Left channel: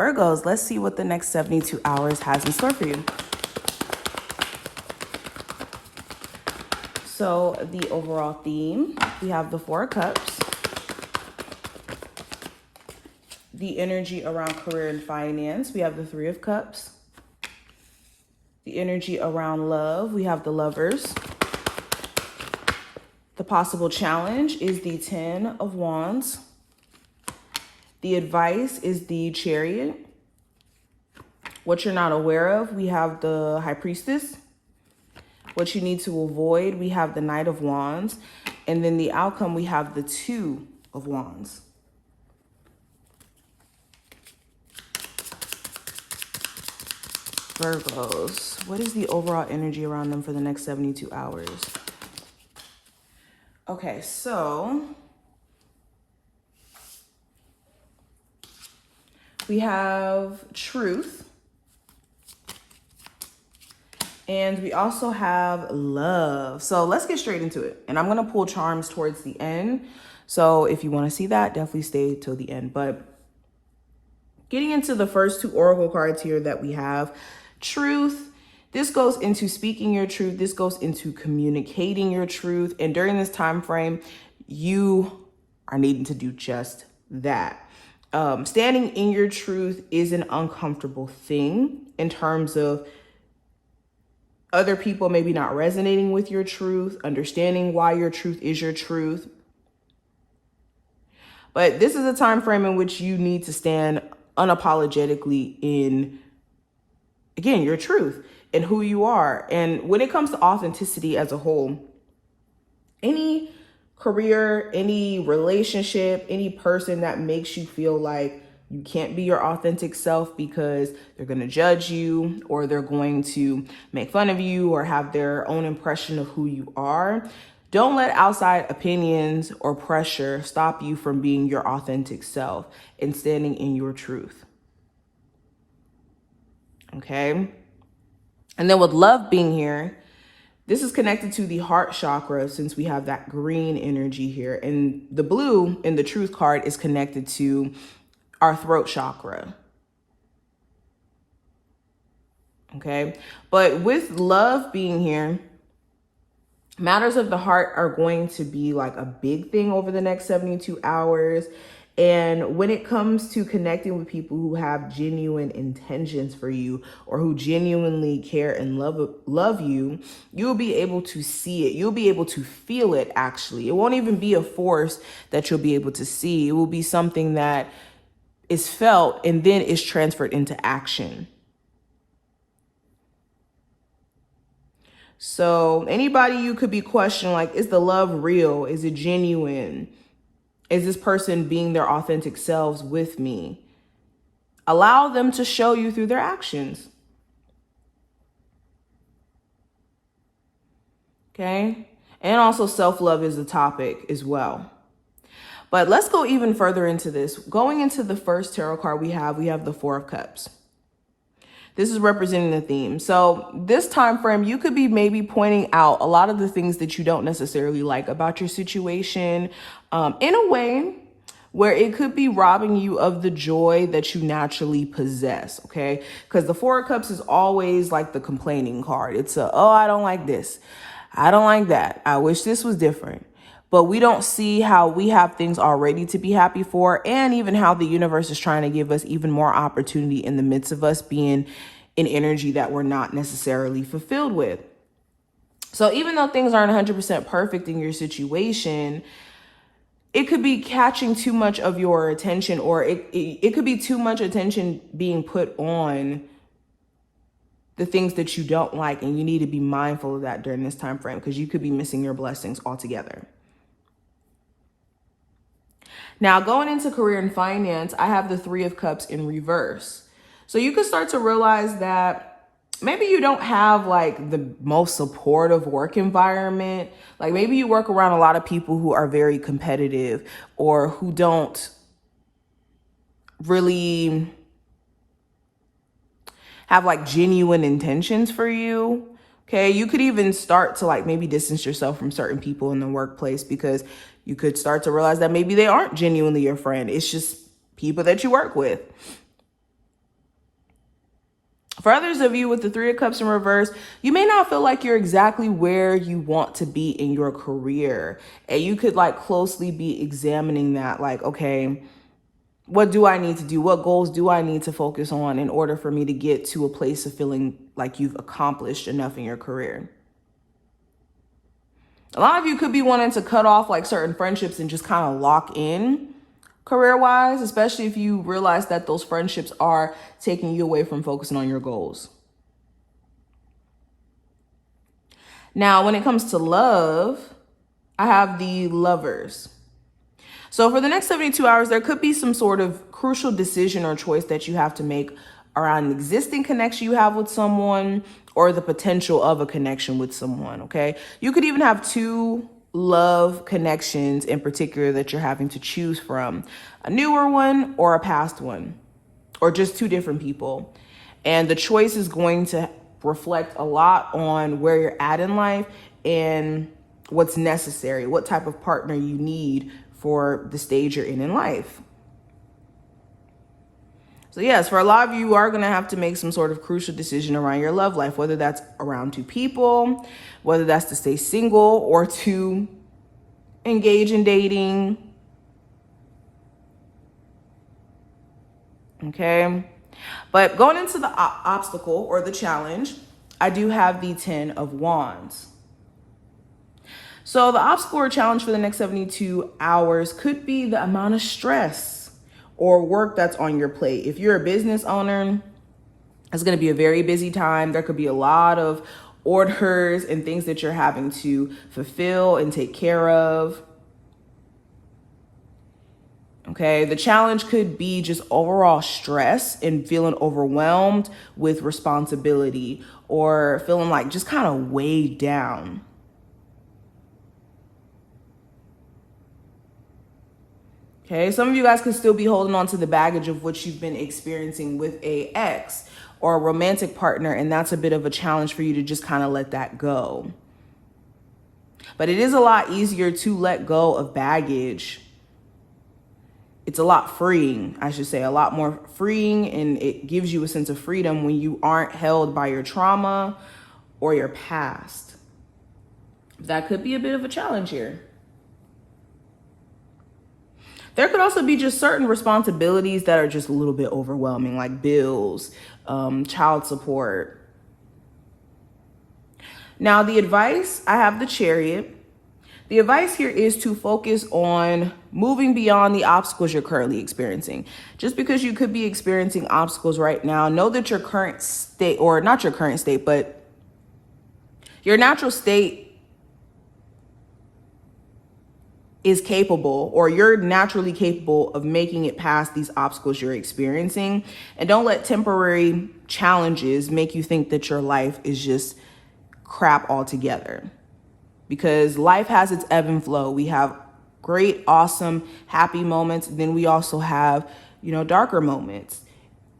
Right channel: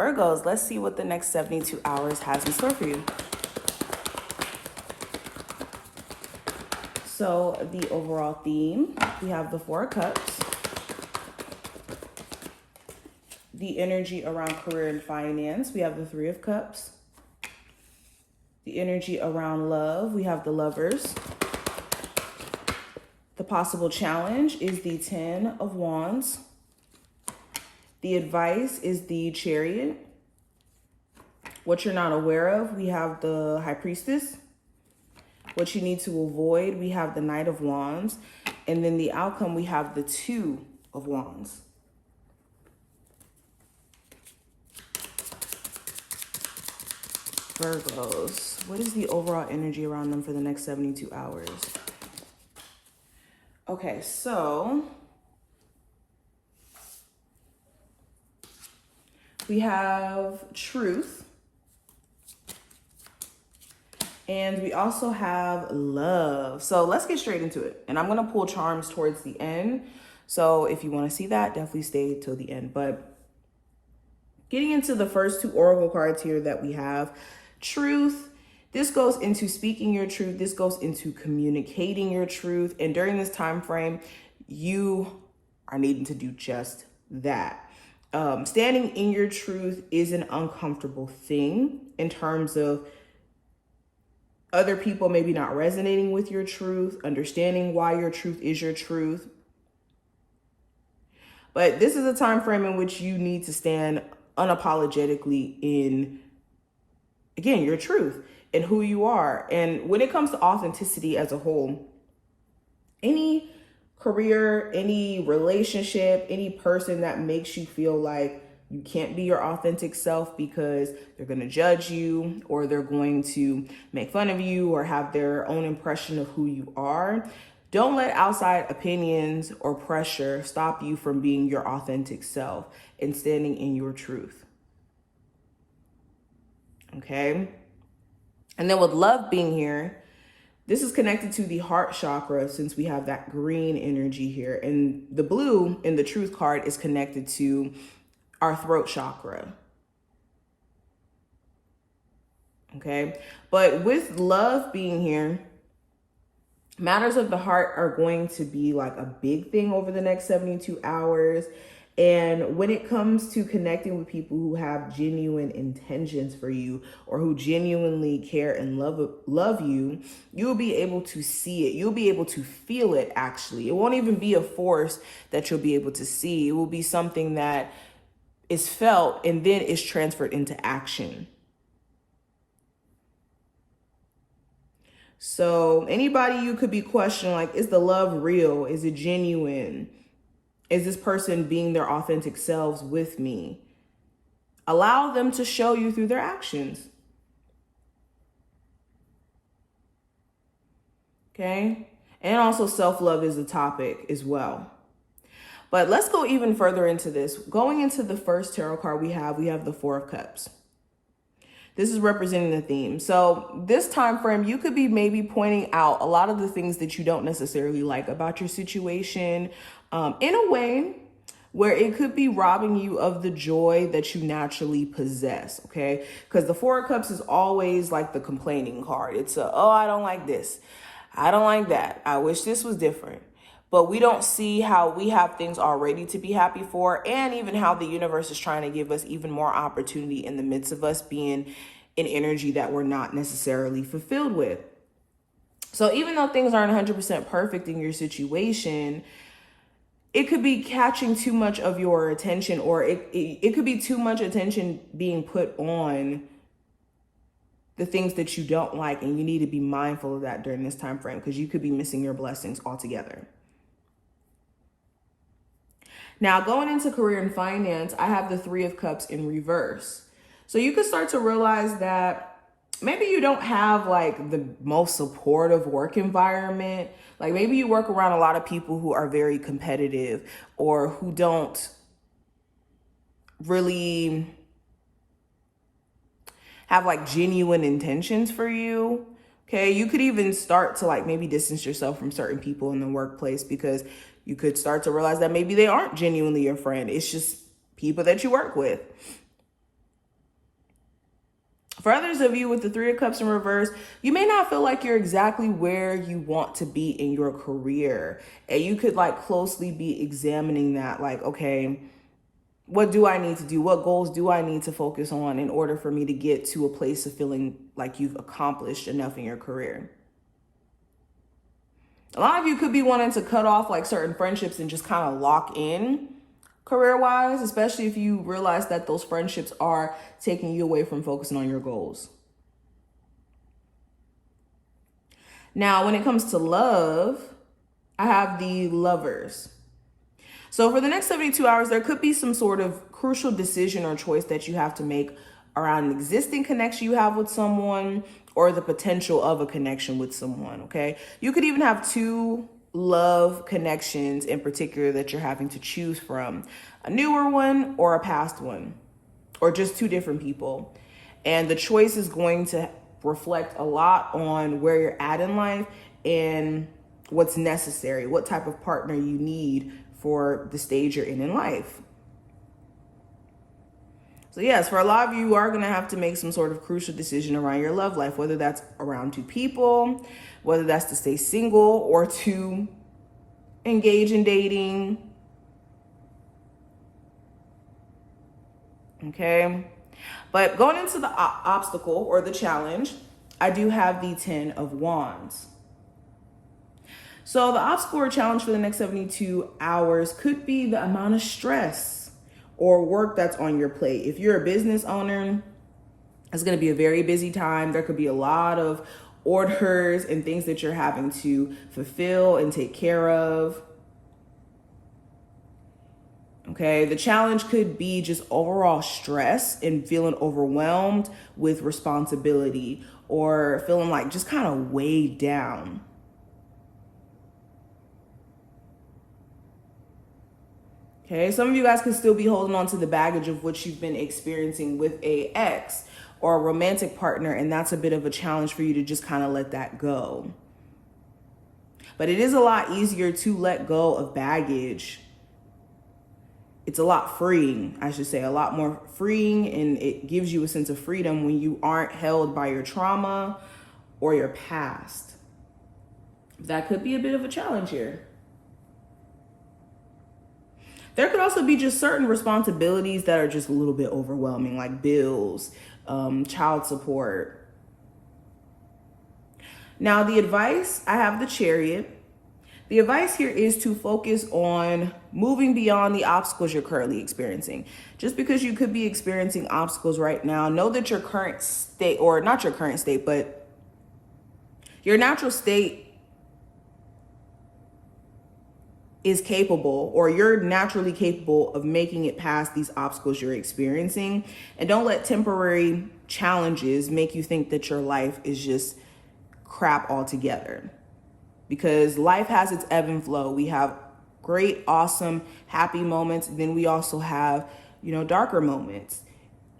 Virgos, let's see what the next 72 hours has in store for you. So the overall theme, we have the Four of Cups. The energy around career and finance, we have the Three of Cups. The energy around love, we have the Lovers. The possible challenge is the Ten of Wands. The advice is the Chariot. What you're not aware of, we have the High Priestess. What you need to avoid, we have the Knight of Wands. And then the outcome, we have the Two of Wands. Virgos, what is the overall energy around them for the next 72 hours? Okay, so we have Truth. And we also have Love. So let's get straight into it. And I'm going to pull charms towards the end. So if you want to see that, definitely stay till the end. But getting into the first two oracle cards here that we have, Truth. This goes into speaking your truth. This goes into communicating your truth. And during this time frame, you are needing to do just that. Standing in your truth is an uncomfortable thing in terms of other people maybe not resonating with your truth, understanding why your truth is your truth. But this is a time frame in which you need to stand unapologetically in, again, your truth and who you are. And when it comes to authenticity as a whole, any career, any relationship, any person that makes you feel like you can't be your authentic self because they're going to judge you or they're going to make fun of you or have their own impression of who you are, don't let outside opinions or pressure stop you from being your authentic self and standing in your truth. Okay? And then with Love being here, this is connected to the heart chakra since we have that green energy here. And the blue in the Truth card is connected to our throat chakra. Okay, but with Love being here, matters of the heart are going to be like a big thing over the next 72 hours. And when it comes to connecting with people who have genuine intentions for you or who genuinely care and love you, you'll be able to see it. You'll be able to feel it, actually. It won't even be a force that you'll be able to see. It will be something that is felt and then is transferred into action. So anybody you could be questioning, like, is the love real? Is it genuine? Is this person being their authentic selves with me? Allow them to show you through their actions. Okay? And also self-love is a topic as well. But let's go even further into this. Going into the first tarot card we have the Four of Cups. This is representing the theme. So this time frame, you could be maybe pointing out a lot of the things that you don't necessarily like about your situation in a way where it could be robbing you of the joy that you naturally possess, okay? Because the Four of Cups is always like the complaining card. It's oh, I don't like this. I don't like that. I wish this was different. But we don't see how we have things already to be happy for, and even how the universe is trying to give us even more opportunity in the midst of us being in energy that we're not necessarily fulfilled with. So even though things aren't 100% perfect in your situation, it could be catching too much of your attention, or it could be too much attention being put on the things that you don't like, and you need to be mindful of that during this time frame because you could be missing your blessings altogether. Now, going into career and finance, I have the Three of Cups in reverse. So you could start to realize that maybe you don't have like the most supportive work environment. Like maybe you work around a lot of people who are very competitive or who don't really have like genuine intentions for you. Okay, you could even start to like maybe distance yourself from certain people in the workplace because you could start to realize that maybe they aren't genuinely your friend. It's just people that you work with. For others of you with the Three of Cups in reverse, you may not feel like you're exactly where you want to be in your career. And you could like closely be examining that, like, okay, what do I need to do? What goals do I need to focus on in order for me to get to a place of feeling like you've accomplished enough in your career? A lot of you could be wanting to cut off like certain friendships and just kind of lock in career-wise, especially if you realize that those friendships are taking you away from focusing on your goals. Now, when it comes to love, I have the Lovers. So for the next 72 hours, there could be some sort of crucial decision or choice that you have to make around an existing connection you have with someone or the potential of a connection with someone, okay? You could even have two love connections in particular that you're having to choose from, a newer one or a past one, or just two different people. And the choice is going to reflect a lot on where you're at in life and what's necessary, what type of partner you need for the stage you're in life. So yes, for a lot of you are going to have to make some sort of crucial decision around your love life, whether that's around two people, whether that's to stay single or to engage in dating. Okay. But going into the obstacle or the challenge, I do have the 10 of Wands. So the obstacle or challenge for the next 72 hours could be the amount of stress or work that's on your plate. If you're a business owner, it's going to be a very busy time. There could be a lot of orders and things that you're having to fulfill and take care of. Okay, the challenge could be just overall stress and feeling overwhelmed with responsibility or feeling like just kind of weighed down. Okay, some of you guys can still be holding on to the baggage of what you've been experiencing with a ex or a romantic partner, and that's a bit of a challenge for you to just kind of let that go. But it is a lot easier to let go of baggage. It's a lot freeing, I should say, a lot more freeing, and it gives you a sense of freedom when you aren't held by your trauma or your past. That could be a bit of a challenge here. There could also be just certain responsibilities that are just a little bit overwhelming, like bills, child support. Now, the advice, I have the Chariot. The advice here is to focus on moving beyond the obstacles you're currently experiencing. Just because you could be experiencing obstacles right now, know that your current state, or not your current state, but your natural state is capable, or you're naturally capable of making it past these obstacles you're experiencing. And don't let temporary challenges make you think that your life is just crap altogether. Because life has its ebb and flow. We have great, awesome, happy moments. Then we also have, darker moments.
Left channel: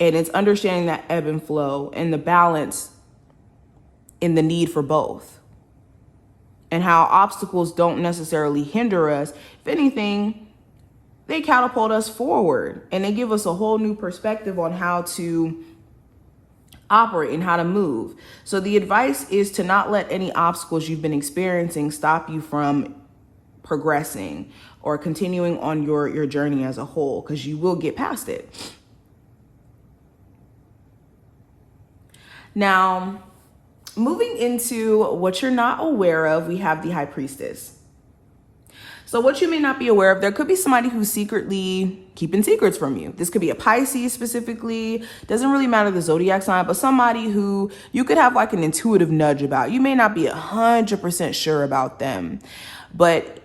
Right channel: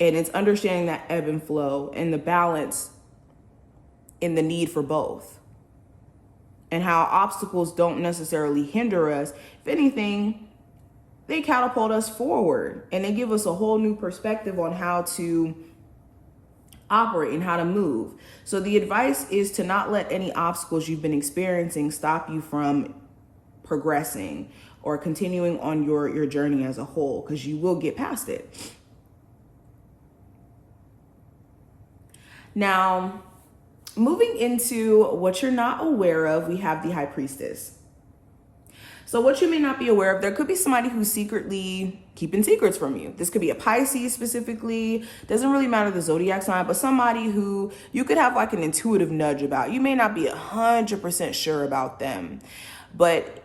And it's understanding that ebb and flow and the balance in the need for both. And how obstacles don't necessarily hinder us. If anything, they catapult us forward and they give us a whole new perspective on how to operate and how to move. So the advice is to not let any obstacles you've been experiencing stop you from progressing or continuing on your journey as a whole, because you will get past it. Now, moving into what you're not aware of, we have the High Priestess. So what you may not be aware of, there could be somebody who's secretly keeping secrets from you. This could be a Pisces specifically. Doesn't really matter the zodiac sign, but somebody who you could have like an intuitive nudge about. You may not be 100% sure about them, but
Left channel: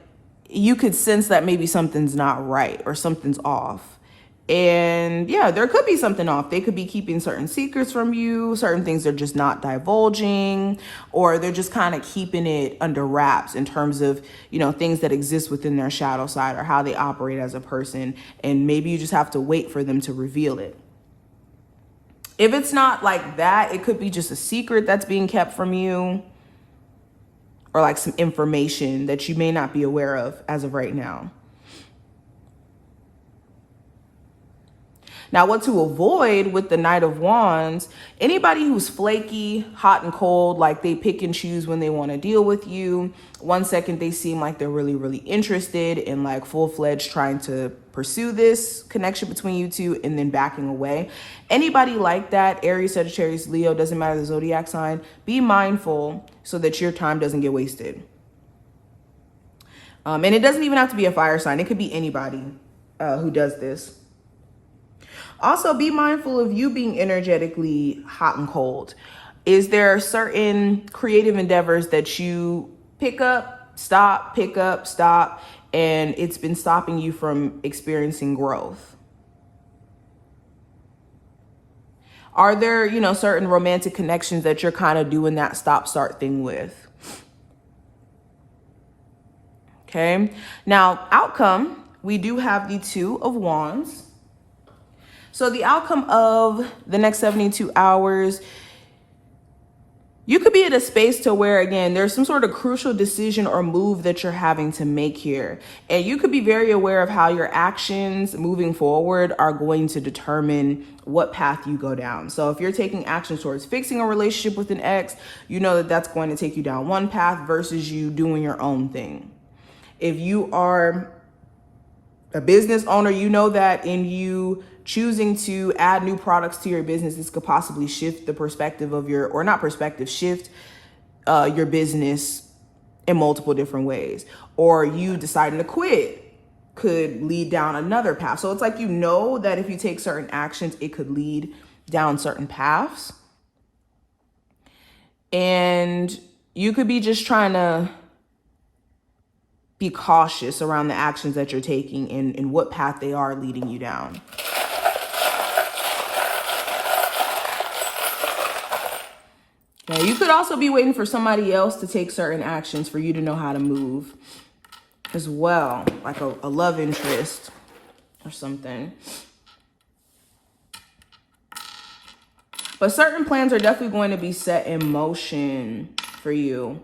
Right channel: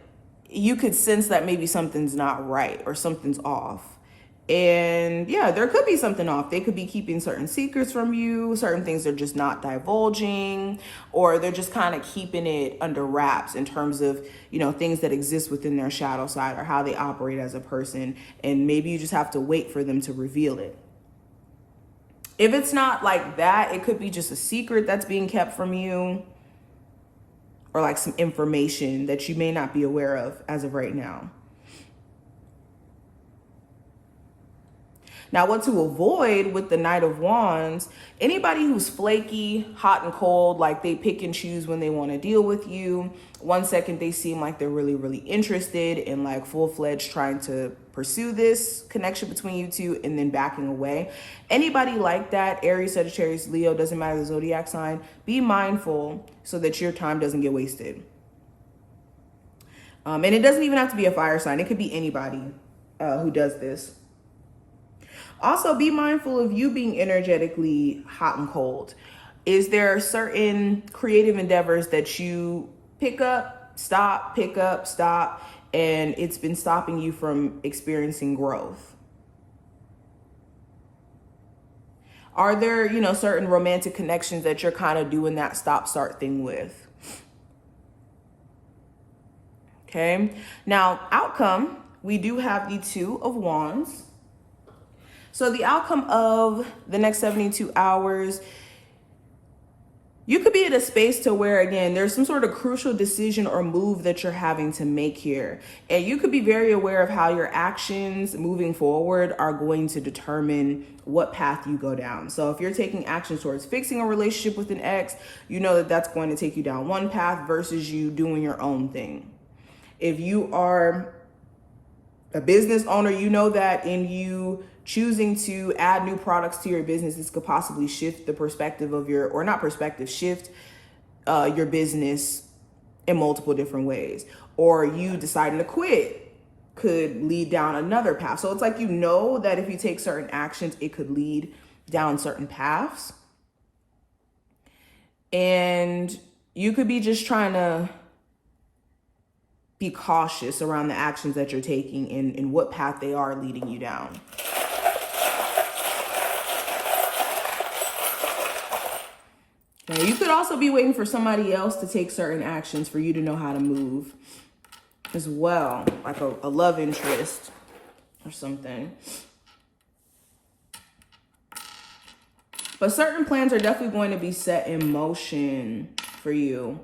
you could sense that maybe something's not right or something's off. And yeah, there could be something off. They could be keeping certain secrets from you, certain things they're just not divulging, or they're just kind of keeping it under wraps in terms of, things that exist within their shadow side or how they operate as a person. And maybe you just have to wait for them to reveal it. If it's not like that, it could be just a secret that's being kept from you, or like some information that you may not be aware of as of right now. Now, what to avoid with the Knight of Wands, anybody who's flaky, hot and cold, like they pick and choose when they want to deal with you. One second they seem like they're really, really interested and like full-fledged trying to pursue this connection between you two, and then backing away. Anybody like that, Aries, Sagittarius, Leo, doesn't matter the zodiac sign, be mindful so that your time doesn't get wasted. And it doesn't even have to be a fire sign. It could be anybody who does this. Also, be mindful of you being energetically hot and cold. Is there certain creative endeavors that you pick up, stop, and it's been stopping you from experiencing growth? Are there, certain romantic connections that you're kind of doing that stop-start thing with? Okay. Now, outcome, we do have the Two of Wands. So the outcome of the next 72 hours, you could be at a space to where, again, there's some sort of crucial decision or move that you're having to make here. And you could be very aware of how your actions moving forward are going to determine what path you go down. So if you're taking action towards fixing a relationship with an ex, you know that that's going to take you down one path versus you doing your own thing. If you are a business owner, you know that in you choosing to add new products to your business, this could possibly shift the perspective of your, or not perspective, shift your business in multiple different ways. Or you deciding to quit could lead down another path. So it's like, you know that if you take certain actions, it could lead down certain paths. And you could be just trying to be cautious around the actions that you're taking and what path they are leading you down. Now, you could also be waiting for somebody else to take certain actions for you to know how to move as well, like a love interest or something. But certain plans are definitely going to be set in motion for you.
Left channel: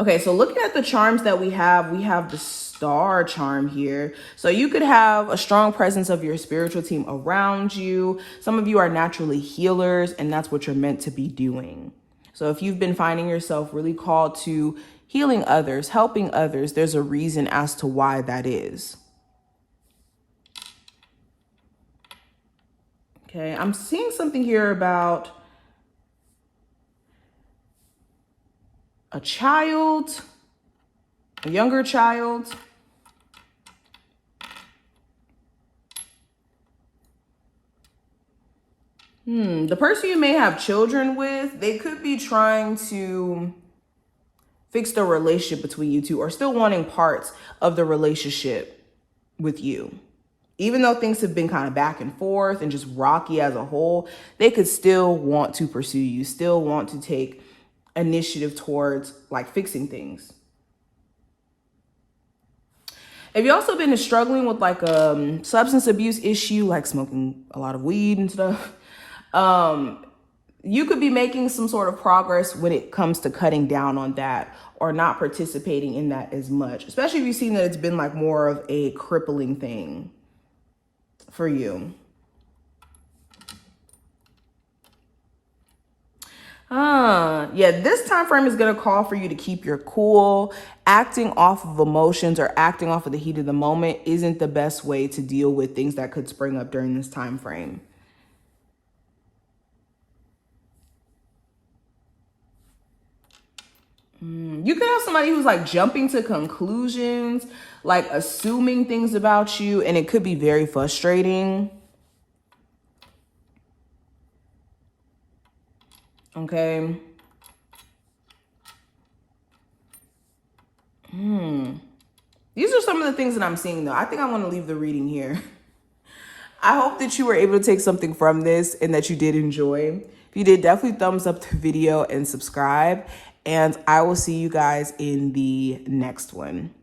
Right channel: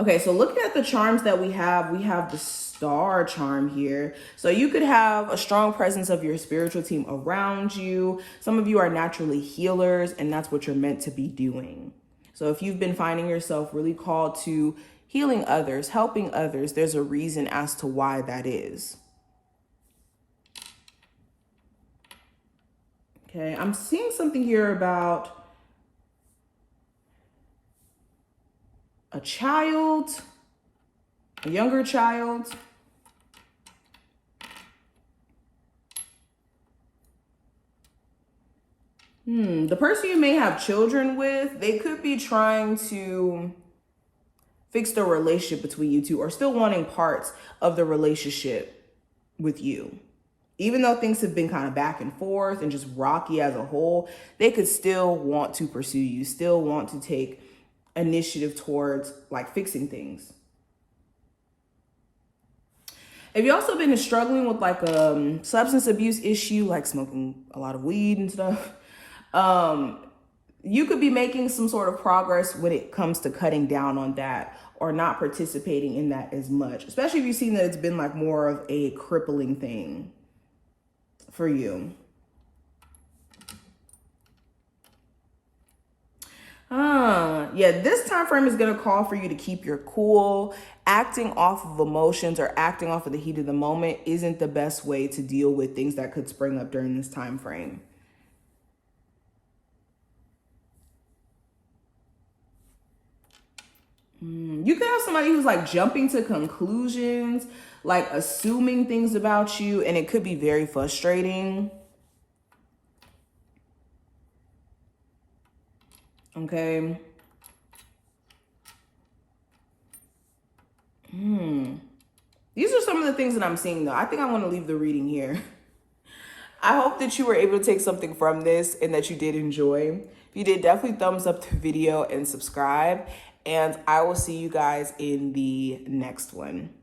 Okay, so looking at the charms that we have the Star charm here. So you could have a strong presence of your spiritual team around you. Some of you are naturally healers, and that's what you're meant to be doing. So if you've been finding yourself really called to healing others, helping others, there's a reason as to why that is. Okay, I'm seeing something here about a child, a younger child. The person you may have children with, they could be trying to fix the relationship between you two, or still wanting parts of the relationship with you. Even though things have been kind of back and forth and just rocky as a whole, they could still want to pursue you, still want to take initiative towards like fixing things. If you've also been struggling with like a substance abuse issue, like smoking a lot of weed and stuff, you could be making some sort of progress when it comes to cutting down on that, or not participating in that as much, especially if you've seen that it's been like more of a crippling thing for you. Yeah, this time frame is going to call for you to keep your cool. Acting off of emotions or acting off of the heat of the moment isn't the best way to deal with things that could spring up during this time frame. You could have somebody who's like jumping to conclusions, like assuming things about you, and it could be very frustrating. Okay. These are some of the things that I'm seeing, though. I think I want to leave the reading here. I hope that you were able to take something from this and that you did enjoy. If you did, definitely thumbs up the video and subscribe. And I will see you guys in the next one.